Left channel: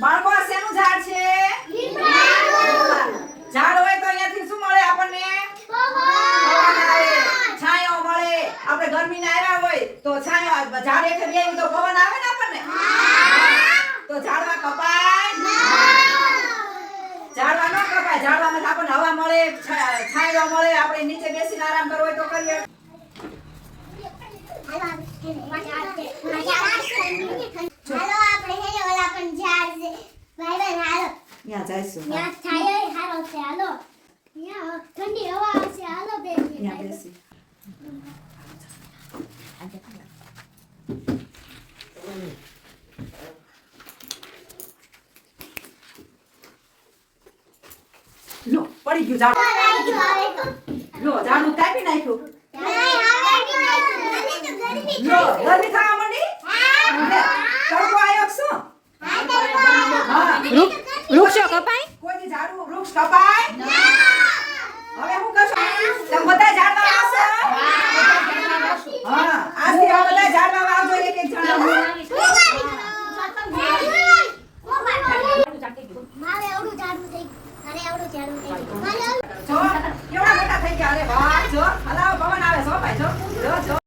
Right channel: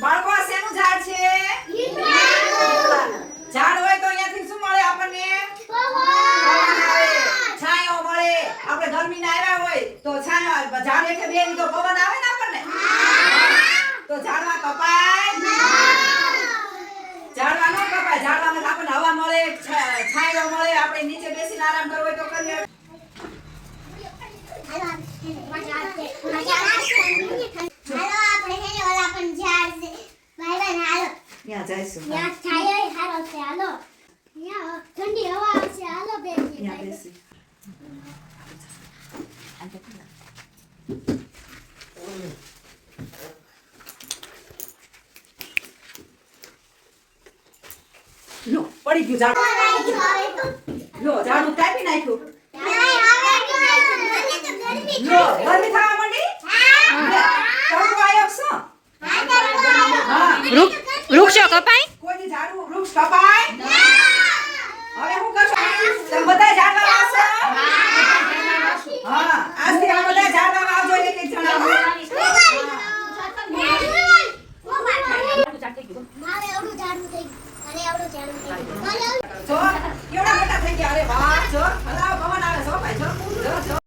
બાળકો આ શેનું ઝાડ છે? ઝાડ હોય તો અહીંયાથી શું મળે આપણને? પવન આવે, છાંયો મળે. આપણે ગરમીના આવ્યા હોય તો છાંયો, ઝાડ હેઠે બેસી તો પવન આવે ને આપણને. તો ઝાડવા કપાય? ઝાડવા ન કપાય. ઝાડવામાં આપણને હવા મળે, છાંયો મળે. આપણે નીચે બેસીને આરામ કરવો હોય તો કરીએ. ત્યાં જઈશું. ઠંડી હવા આવશે હાલો બેન ત્યાં બેસી. લો પડી ગયું ઝાડ. લો ઝાડું કાપી નાખ્યું. લો ગરમી થવા માંડી. તડકો આવ્યો છો? હા. વૃક્ષો કપાય? કોઈ ઝાડું વૃક્ષ કપાય? હવે હું કરશો? તમે બધા ઝાડવા વાવશો? હા આજથી આ બધા ઝાડવા વાવજો એક એક જણા. જો કેવડા મોટા થઈ ગયા. અરે વાહ જો હલાવો પવન આવે છો ભાઈ જો જો જો